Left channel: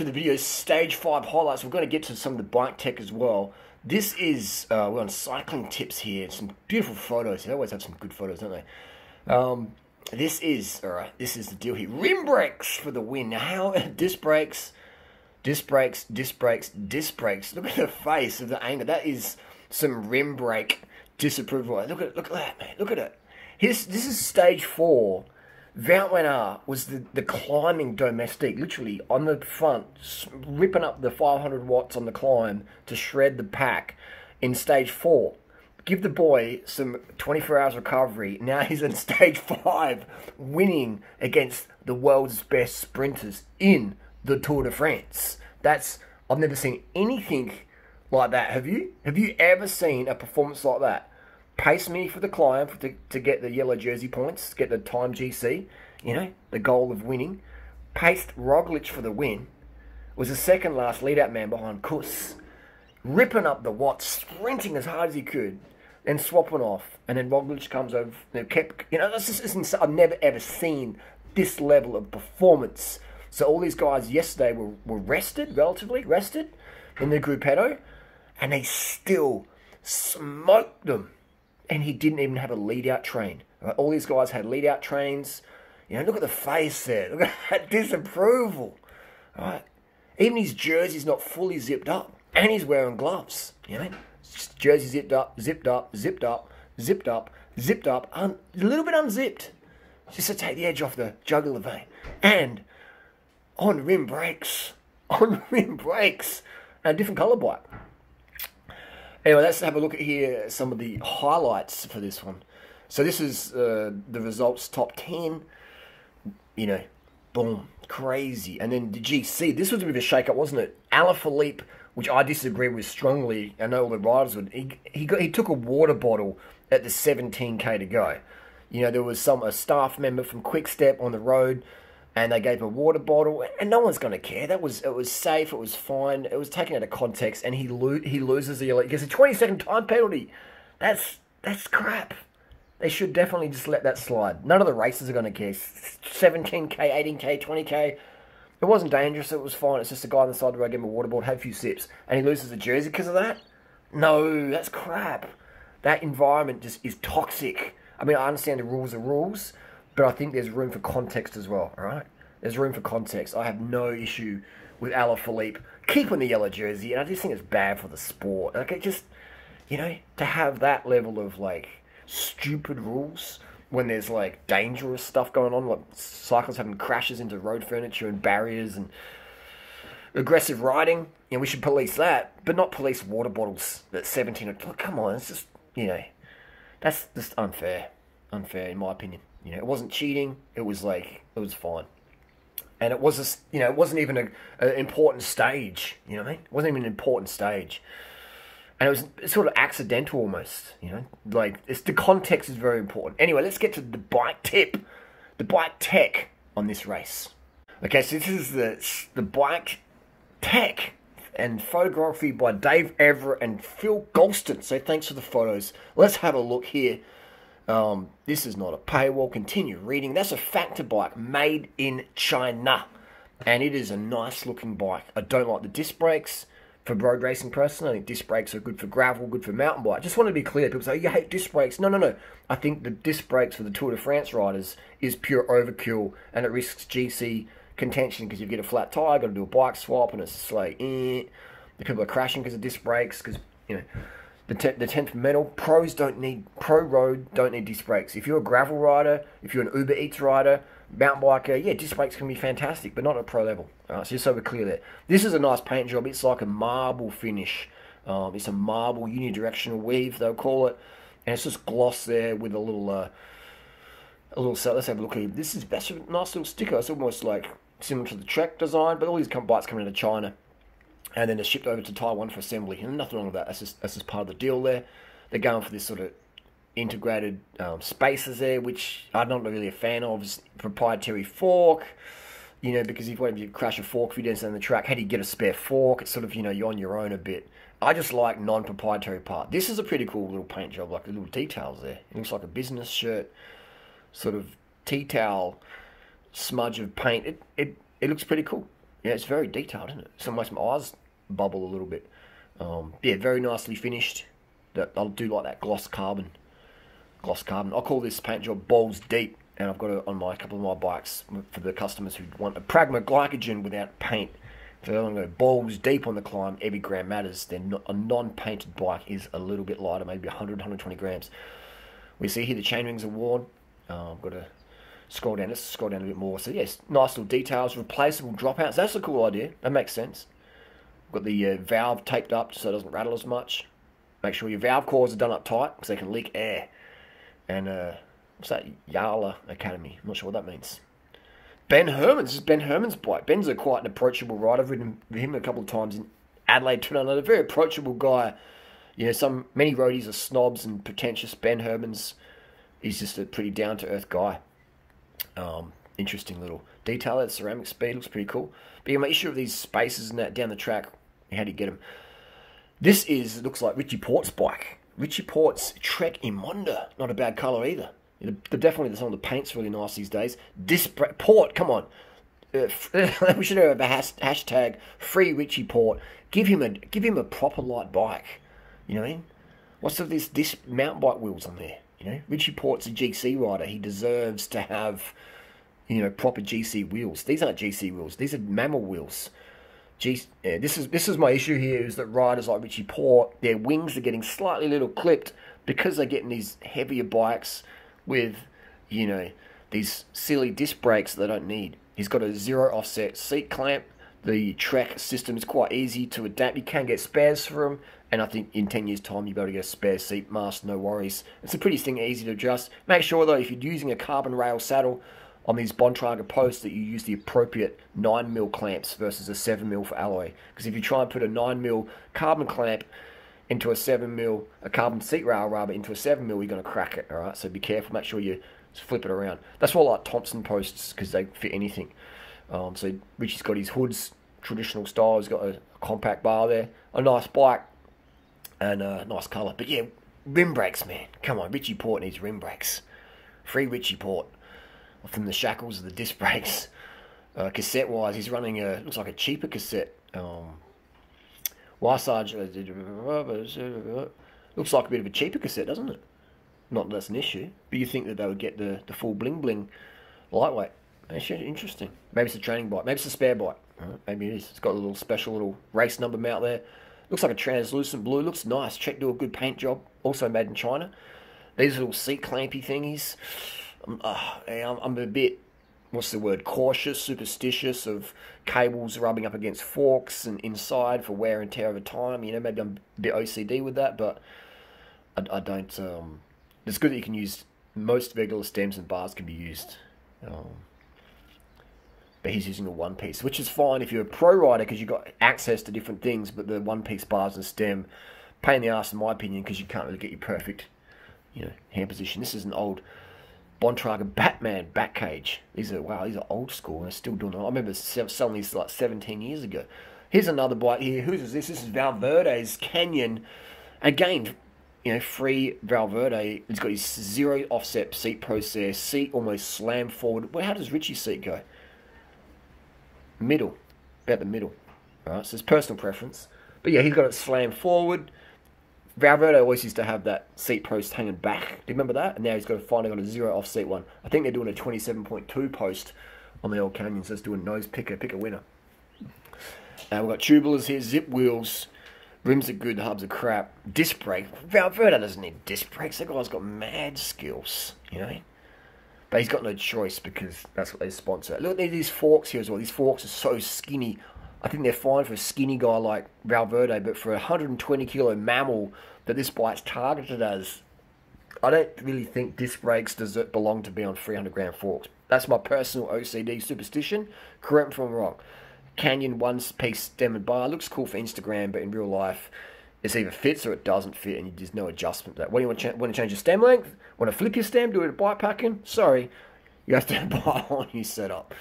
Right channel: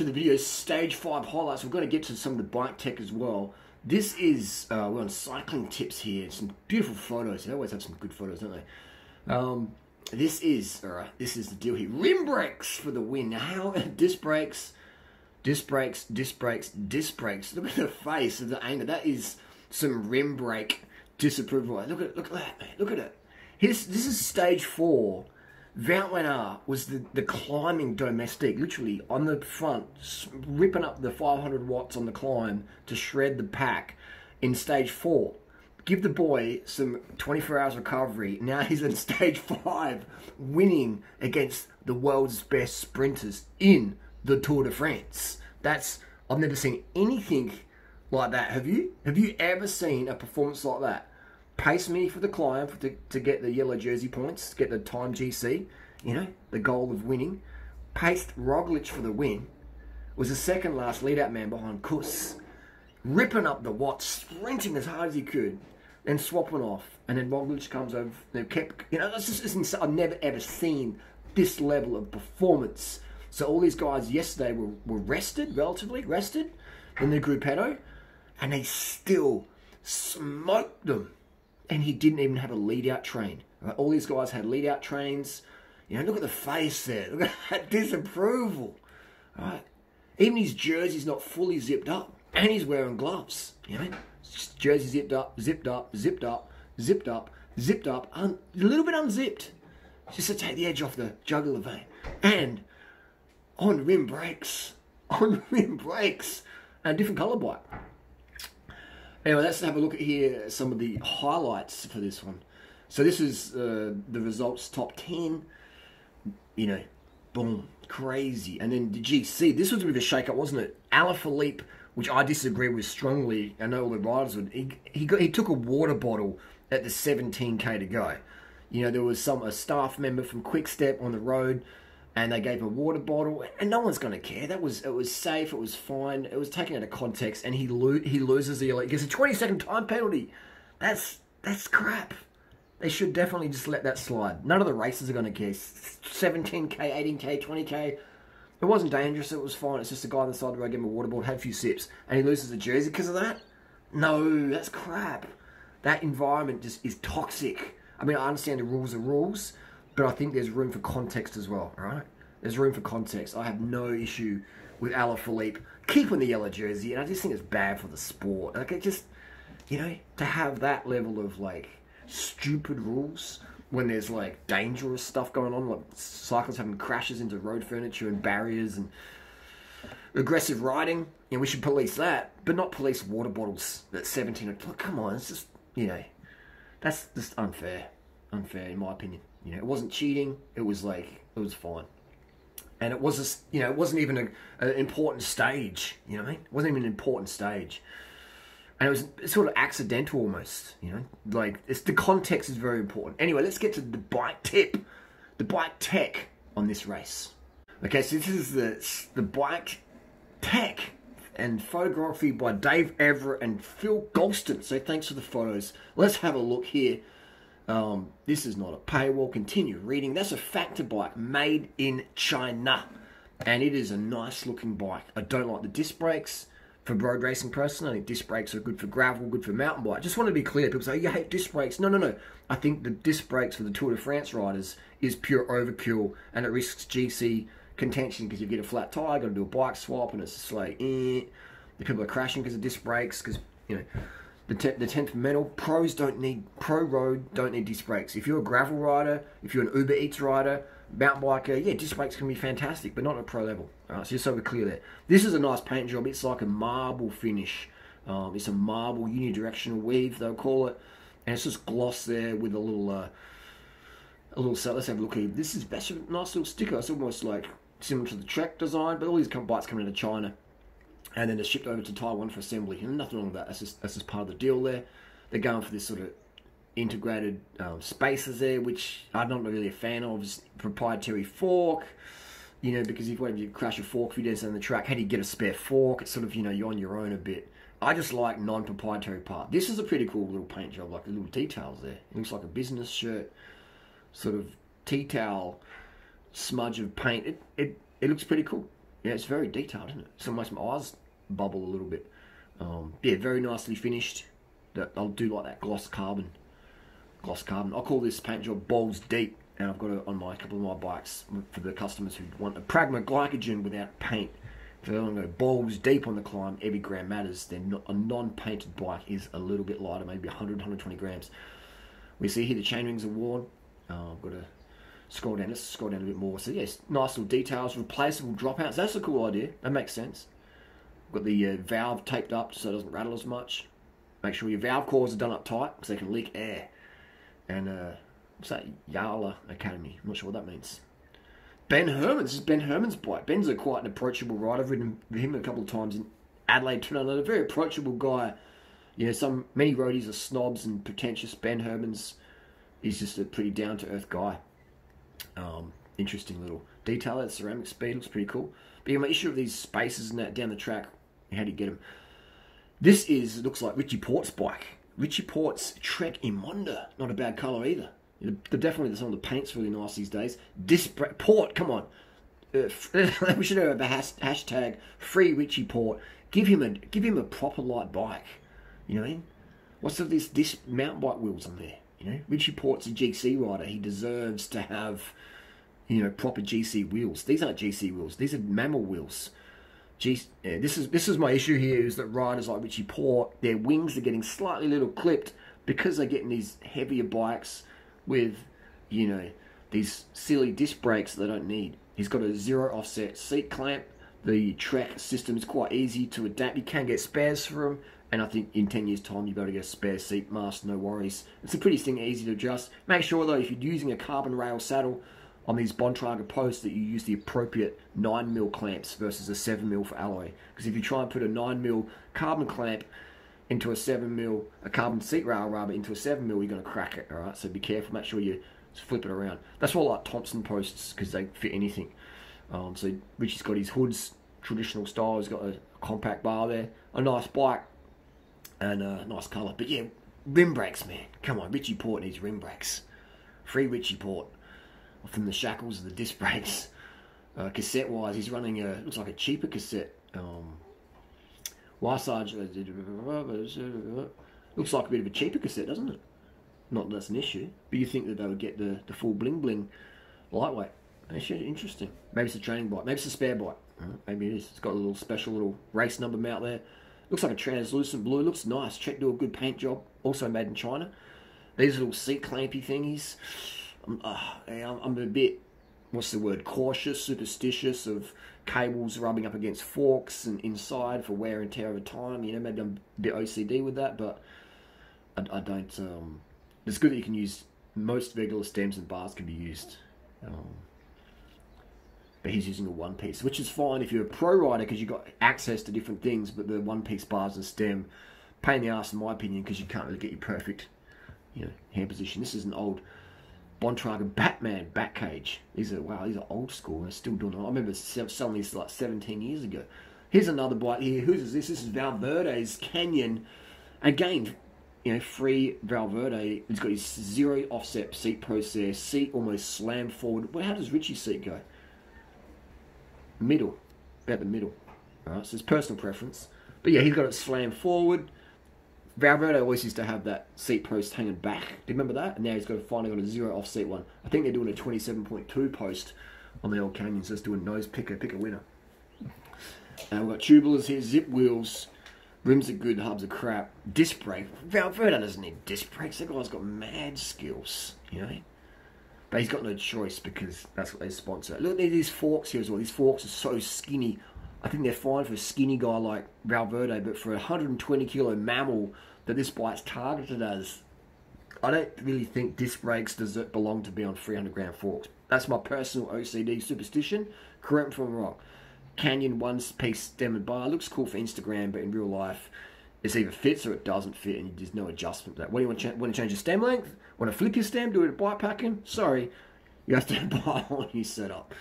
To the video, stage 5 highlights. We're going to get to some of the bike tech as well. This is, we're on Cycling Tips here. Some beautiful photos. They always have some good photos, don't they? This is the deal here. Rim brakes for the win. Now, how, disc brakes. Look at the face of the angle. That is some rim brake disapproval. Look at that, man. Look at it. This is stage 4. Valverde was the climbing domestique, literally on the front, ripping up the 500 watts on the climb to shred the pack in stage 4. Give the boy some 24 hours recovery. Now he's in stage 5, winning against the world's best sprinters in the Tour de France. I've never seen anything like that. Have you? Have you ever seen a performance like that? Pace me for the climb to get the yellow jersey points, get the time GC, you know, the goal of winning. Paced Roglic for the win. Was the second last lead-out man behind Kuss. Ripping up the watts, sprinting as hard as he could, and swapping off. And then Roglic comes over, they kept, you know, this is, I've never ever seen this level of performance. So all these guys yesterday were rested, relatively rested, in the Gruppetto, and they still smoked them. And he didn't even have a lead-out train. Right? All these guys had lead-out trains. You know, look at the face there. Look at that disapproval. Right? Even his jersey's not fully zipped up. And he's wearing gloves. You know? Just jersey zipped up, zipped up, zipped up, zipped up, zipped up. A little bit unzipped. Just to take the edge off the jugular vein. And on rim brakes. On rim brakes. And a different colour bike. Anyway, let's have a look at here some of the highlights for this one. So this is the results top 10. You know, boom, crazy. And then the GC, this was a bit of a shake-up, wasn't it? Alaphilippe, which I disagree with strongly. I know all the riders would. He took a water bottle at the 17k to go. You know, there was a staff member from Quick-Step on the road, and they gave a water bottle, and no one's going to care. It was safe, it was fine, it was taken out of context, and he loses the elite. He gets a 20-second time penalty. That's crap. They should definitely just let that slide. None of the racers are going to care. 17k, 18k, 20k. It wasn't dangerous, it was fine. It's just a guy on the side of the road gave him a water bottle, had a few sips, and he loses the jersey because of that? No, that's crap. That environment just is toxic. I mean, I understand the rules are rules, but I think there's room for context as well, all right? There's room for context. I have no issue with Alaphilippe keeping the yellow jersey, and I just think it's bad for the sport. Like, it just, you know, to have that level of, like, stupid rules when there's, like, dangerous stuff going on, like cyclists having crashes into road furniture and barriers and aggressive riding, you know, we should police that, but not police water bottles at 17. Come on, it's just, you know, that's just unfair. Unfair, in my opinion. You know, it wasn't cheating. It was like, it was fine. And it was just, you know, it wasn't even an important stage. You know what I mean? It wasn't even an important stage. And it was sort of accidental almost, you know? Like, the context is very important. Anyway, let's get to the bike tip. The bike tech on this race. Okay, so this is the bike tech and photography by Dave Everett and Phil Golston. So thanks for the photos. Let's have a look here. This is not a paywall. Continue reading. That's a factor bike made in China. And it is a nice looking bike. I don't like the disc brakes for road racing personally. I think disc brakes are good for gravel, good for mountain bike. Just want to be clear. People say, you hate disc brakes. No, no, no. I think the disc brakes for the Tour de France riders is pure overkill. And it risks GC contention because you get a flat tire, got to do a bike swap, and it's just like, The people are crashing because of disc brakes, because, you know, the 10th metal. Pro road don't need disc brakes. If you're a gravel rider, if you're an Uber Eats rider, mountain biker, yeah, disc brakes can be fantastic, but not at pro level. So just so we're clear there. This is a nice paint job. It's like a marble finish. It's a marble unidirectional weave, they'll call it. And it's just gloss there with a little set. Let's have a look here. That's a nice little sticker. It's almost like similar to the Trek design, but all these bikes come into China. And then they're shipped over to Taiwan for assembly. And nothing wrong with that. That's just part of the deal there. They're going for this sort of integrated spacers there, which I'm not really a fan of. It's proprietary fork, you know, because if you crash a fork, if you don't on the track, how do you get a spare fork? It's sort of, you know, you're on your own a bit. I just like non-proprietary part. This is a pretty cool little paint job, like the little details there. It looks like a business shirt, sort of tea towel smudge of paint. It looks pretty cool. Yeah, it's very detailed, isn't it? So makes my eyes bubble a little bit. Yeah, very nicely finished. I do like that gloss carbon. Gloss carbon. I call this paint job balls deep, and I've got it on a couple of my bikes for the customers who want a Pragma glycogen without paint. So I'm going to go balls deep on the climb. Every gram matters. Then a non-painted bike is a little bit lighter, maybe 100, 120 grams. We see here the chain rings are worn. I've got to scroll down. Let's scroll down a bit more. So yes, nice little details. Replaceable dropouts. That's a cool idea. That makes sense. Got the valve taped up so it doesn't rattle as much. Make sure your valve cores are done up tight because they can leak air. And what's that? Yala Academy. I'm not sure what that means. Ben Herman. This is Ben Herman's bike. Ben's quite an approachable rider. I've ridden with him a couple of times in Adelaide, Trinidad. A very approachable guy. You know, many roadies are snobs and pretentious. Ben Herman's, he's just a pretty down-to-earth guy. Interesting little detail. That ceramic speed looks pretty cool. But yeah, my issue of these spaces and that down the track, how do you get them? This looks like Richie Port's bike. Richie Port's Trek Imonda. Not a bad colour either. Definitely some of the paint's really nice these days. Port, come on. We should have a hashtag free Richie Port. Give him a proper light bike. You know what I mean? What's of this mountain bike wheels on there? You know, Richie Port's a GC rider. He deserves to have, you know, proper GC wheels. These aren't GC wheels. These are mammal wheels. Yeah, this is my issue here, is that riders like Richie Port, their wings are getting slightly little clipped because they're getting these heavier bikes with, you know, these silly disc brakes they don't need. He's got a 0 offset seat clamp. The Trek system is quite easy to adapt. You can get spares for them, and I think in 10 years' time you'll be able to get a spare seat mask, no worries. It's a pretty thing, easy to adjust. Make sure though, if you're using a carbon rail saddle on these Bontrager posts, that you use the appropriate 9mm clamps versus a 7mm for alloy. Because if you try and put a 9mm carbon clamp into a 7mm, a carbon seat rail rather, into a 7mm, you're going to crack it, alright? So be careful, make sure you flip it around. That's why I like Thompson posts, because they fit anything. So Richie's got his hoods, traditional style. He's got a compact bar there. A nice bike, and a nice colour. But yeah, rim brakes, man. Come on, Richie Port needs rim brakes. Free Richie Port. From the shackles of the disc brakes. Cassette-wise, he's running looks like a cheaper cassette. Wasage looks like a bit of a cheaper cassette, doesn't it? Not that that's an issue, but you think that they would get the full bling lightweight. Actually, interesting. Maybe it's a training bike. Maybe it's a spare bike. Maybe it is. It's got a little special little race number mount there. Looks like a translucent blue. Looks nice. Czech do a good paint job. Also made in China. These little seat clampy thingies. I'm a bit, what's the word, cautious, superstitious of cables rubbing up against forks and inside for wear and tear over time. You know, maybe I'm a bit OCD with that, but I don't. It's good that you can use most regular stems and bars can be used. But he's using a one-piece, which is fine if you're a pro rider because you've got access to different things, but the one-piece bars and stem, pain in the ass in my opinion, because you can't really get your perfect, you know, hand position. This is an old Bontrager Batman back cage. These are old school. They're still doing it. I remember selling these like 17 years ago. Here's another bike here. Whose is this? This is Valverde's Canyon. Again, you know, free Valverde. It's got his 0 offset seat process. Seat almost slammed forward. Well, how does Richie's seat go? Middle. About the middle. Alright, so it's personal preference. But yeah, he's got it slammed forward. Valverde always used to have that seat post hanging back. Do you remember that? And now he's finally got a 0 offset one. I think they're doing a 27.2 post on the old Canyon, so it's doing nose pick a winner. And we've got tubulars here, zip wheels, rims are good, hubs are crap. Disc brake. Valverde doesn't need disc brakes. That guy's got mad skills, you know. But he's got no choice because that's what they sponsor. Look at these forks here as well. These forks are so skinny. I think they're fine for a skinny guy like Valverde, but for a 120 kilo mammal that this bike's targeted as, I don't really think disc brakes belong to be on 300 gram forks. That's my personal OCD superstition. Correct me if I'm wrong. Canyon one-piece stem and bar looks cool for Instagram, but in real life, it either fits or it doesn't fit, and there's no adjustment to that. What do you want to change your stem length? Want to flip your stem? Do it bike packing? Sorry, you have to buy a whole new setup.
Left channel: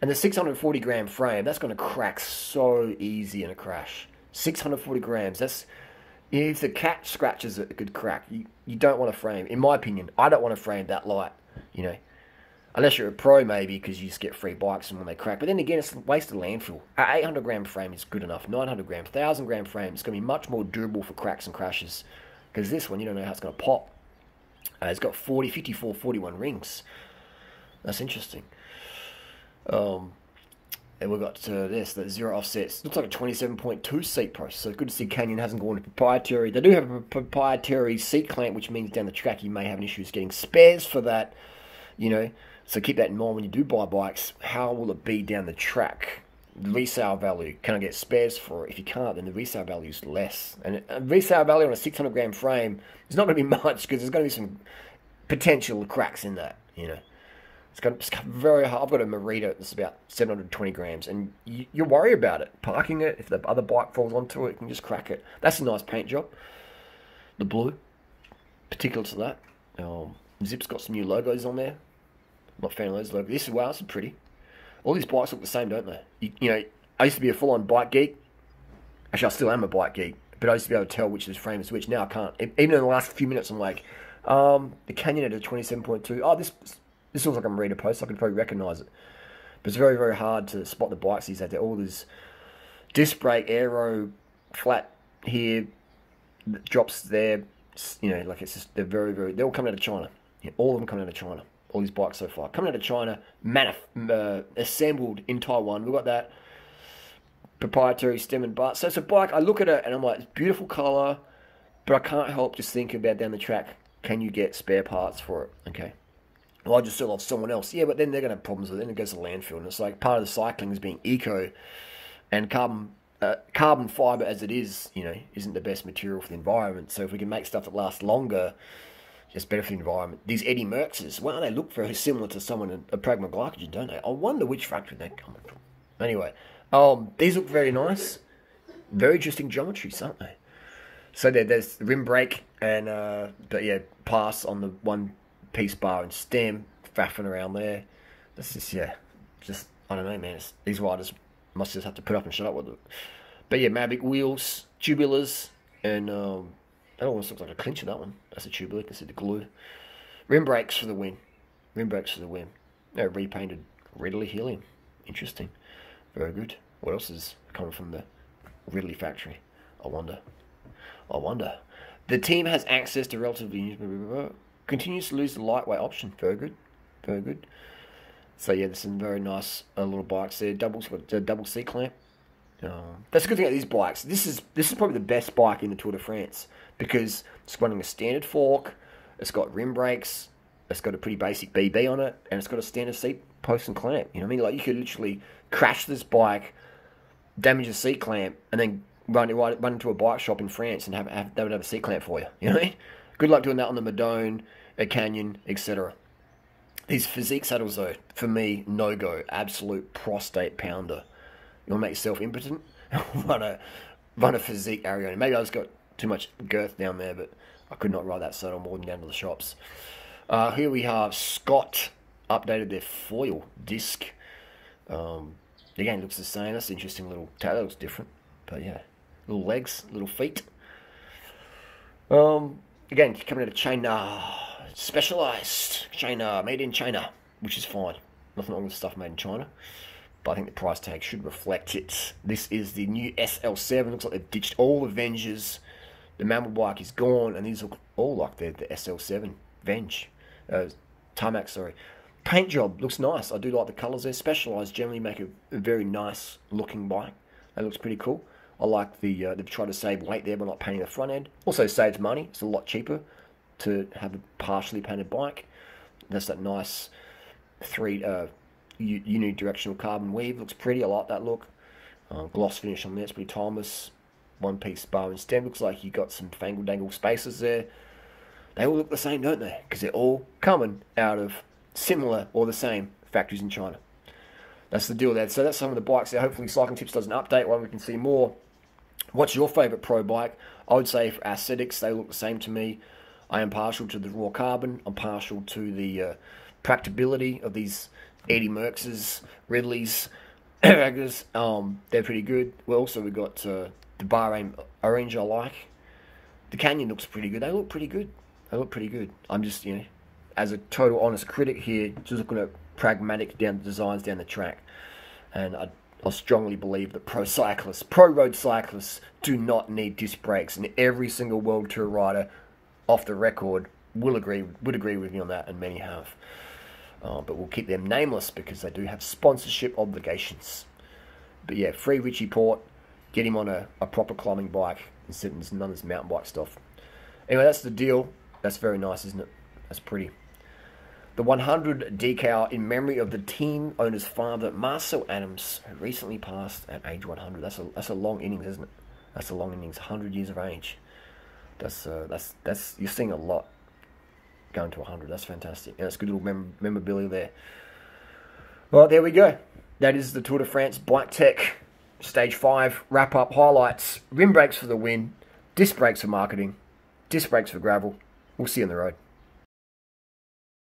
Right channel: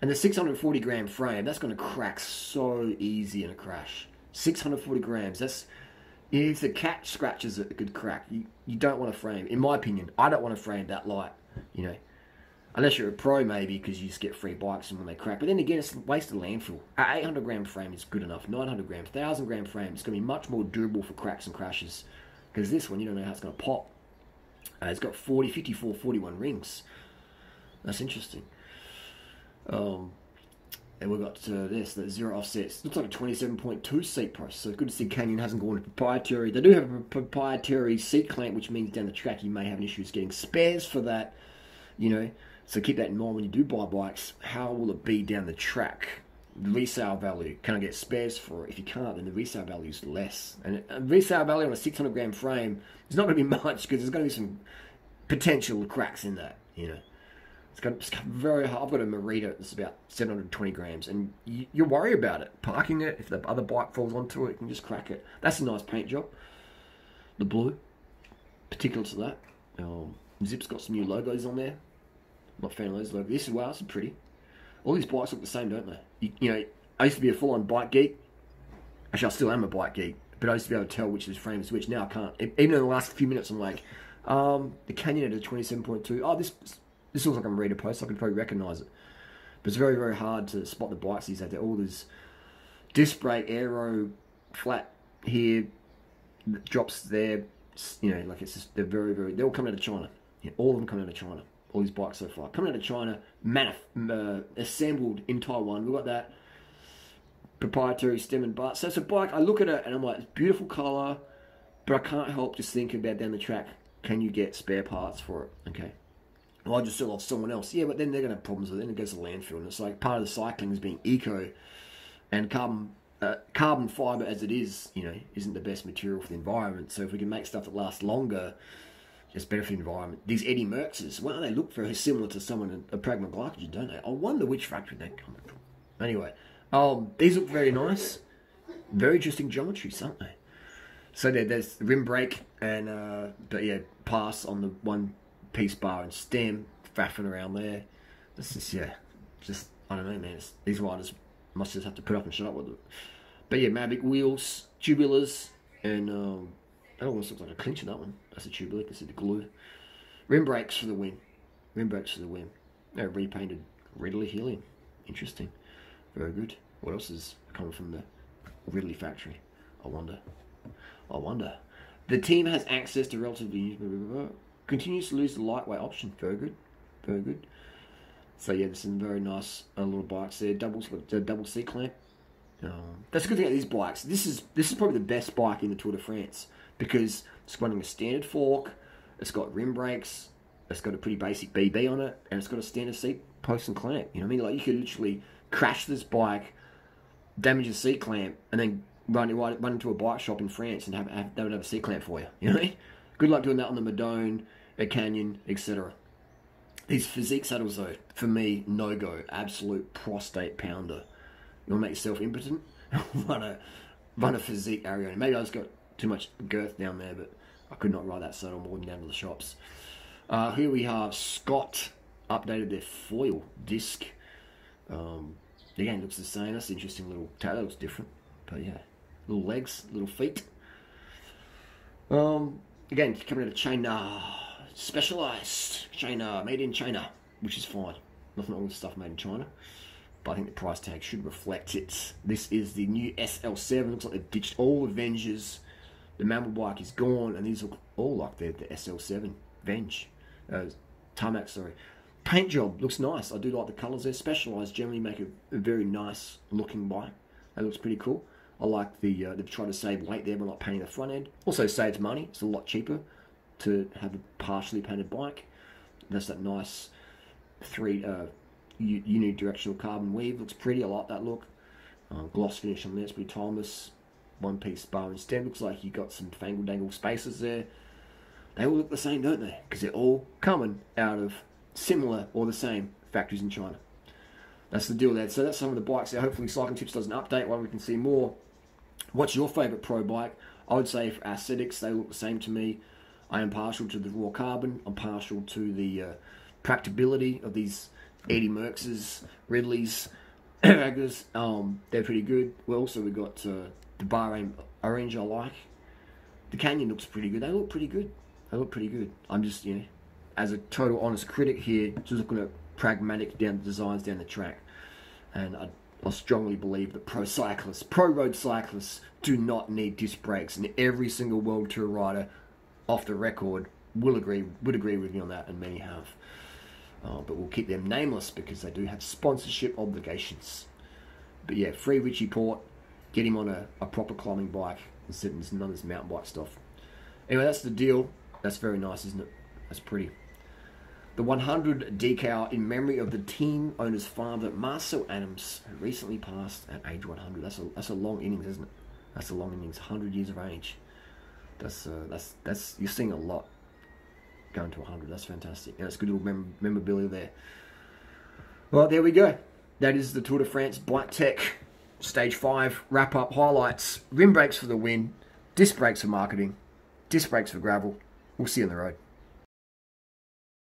And the 640 gram frame, that's going to crack so easy in a crash. 640 grams, that's, you know, if the cat scratches it, it could crack. You don't want a frame, in my opinion, I don't want a frame that light, you know. Unless you're a pro, maybe, because you just get free bikes and when they crack. But then again, it's a waste of landfill. An 800-gram frame is good enough. 900-gram, 1,000-gram frame is going to be much more durable for cracks and crashes. Because this one, you don't know how it's going to pop. It's got 40, 54, 41 rings. That's interesting. And we've got this, the zero offsets. Looks like a 27.2 seat price. So good to see Canyon hasn't gone to proprietary. They do have a proprietary seat clamp, which means down the track you may have issues getting spares for that. You know, so keep that in mind when you do buy bikes. How will it be down the track? The resale value. Can I get spares for it? If you can't, then the resale value is less. And a resale value on a 600-gram frame is not going to be much because there's going to be some potential cracks in that, you know. It's very hard. I've got a Merida that's about 720 grams, and you worry about it. Parking it, if the other bike falls onto it, you can just crack it. That's a nice paint job. The blue, particular to that. Zip's got some new logos on there. Not a fan of those logos. This is pretty. All these bikes look the same, don't they? You know, I used to be a full-on bike geek. Actually, I still am a bike geek, but I used to be able to tell which is frame is which. Now I can't. Even in the last few minutes, I'm like, the Canyon at a 27.2. Oh, this looks like a Merida post. I could probably recognise it. But it's very, very hard to spot the bikes these days. They're all this disc brake, aero, flat here, drops there. You know, like it's just, they're very, very, they're all coming out of China. Yeah, all of them coming out of China. All these bikes so far. Coming out of China, assembled in Taiwan. We've got that proprietary stem and butt. So it's a bike, I look at it and I'm like, it's beautiful colour, but I can't help just thinking about down the track, can you get spare parts for it? Okay. Well, I just sell off someone else. Yeah, but then they're going to have problems with it. Then it goes to landfill. And it's like part of the cycling is being eco. And carbon fibre as it is, you know, isn't the best material for the environment. So if we can make stuff that lasts longer, just better for the environment. These Eddie Merckx's, well, they look very similar to someone in a Pragma glycogen, don't they? I wonder which factory they're coming from. Anyway, these look very nice. Very interesting geometries, aren't they? So there's the rim brake and, but yeah, pass on the one-piece bar and stem, faffing around there. This is, yeah, just, I don't know, man. These riders must just have to put up and shut up with it. But yeah, Mavic wheels, tubulars, and that almost looks like a clincher, that one. That's a tubular, you can see the glue. Rim brakes for the win. Rim brakes for the win. They're repainted Ridley helium. Interesting. Very good. What else is coming from the Ridley factory? I wonder. The team has access to relatively... Continues to lose the lightweight option. Very good. Very good. So yeah, there's some very nice little bikes there. Double seat clamp. That's a good thing about these bikes. This is probably the best bike in the Tour de France because it's running a standard fork. It's got rim brakes. It's got a pretty basic BB on it, and it's got a standard seat post and clamp. You know what I mean? Like you could literally crash this bike, damage the seat clamp, and then run into a bike shop in France and they would have a seat clamp for you. You know what I mean? Good luck doing that on the Madone, a Canyon, etc. These physique saddles, though, for me, no-go. Absolute prostate pounder. You want to make yourself impotent? run a physique Arione. Maybe I just got too much girth down there, but I could not ride that saddle more than down to the shops. Here we have Scott updated their foil disc. Again, looks the same. That's an interesting little tail. That looks different. But yeah, little legs, little feet. Again, coming out of China. Specialized China, made in China, which is fine. Nothing wrong with stuff made in China. But I think the price tag should reflect it. This is the new SL7. Looks like they've ditched all the Venges. The Mammal bike is gone, and these look all like the SL7 Venge. Tarmac, sorry. Paint job looks nice. I do like the colours there. Specialized generally make a very nice looking bike. That looks pretty cool. I like they've tried to save weight there by not painting the front end. Also saves money. It's a lot cheaper to have a partially painted bike. That's that nice unidirectional carbon weave. Looks pretty. I like that look. Gloss finish on there. It's pretty timeless. One piece bar and stem. Looks like you got some fangle dangle spaces there. They all look the same, don't they? Because they're all coming out of similar or the same factories in China. That's the deal there. So that's some of the bikes there. Hopefully Cycling Tips does an update while we can see more. What's your favourite pro bike? I would say for aesthetics, they look the same to me. I am partial to the raw carbon. I'm partial to the practicability of these Eddie Merckx's, Ridleys, Raggers. They're pretty good. Well, also we've got the Bahrain Orange I like. The Canyon looks pretty good. They look pretty good. They look pretty good. I'm just, you know, as a total honest critic here, just looking at pragmatic designs down the track. And I strongly believe that pro road cyclists do not need disc brakes, and every single World Tour rider off the record would agree with me on that, and many have. But we'll keep them nameless because they do have sponsorship obligations. But yeah, free Richie Port, get him on a proper climbing bike instead of none of this mountain bike stuff. Anyway, that's the deal. That's very nice, isn't it? That's pretty. The 100 decal in memory of the team owner's father, Marcel Adams, who recently passed at age 100. That's a long innings, isn't it? That's a long innings. 100 years of age. That's you're seeing a lot going to 100. That's fantastic. And that's good little memorabilia there. Well, there we go. That is the Tour de France Bike Tech Stage 5 wrap-up highlights. Rim brakes for the win. Disc brakes for marketing. Disc brakes for gravel. We'll see you on the road.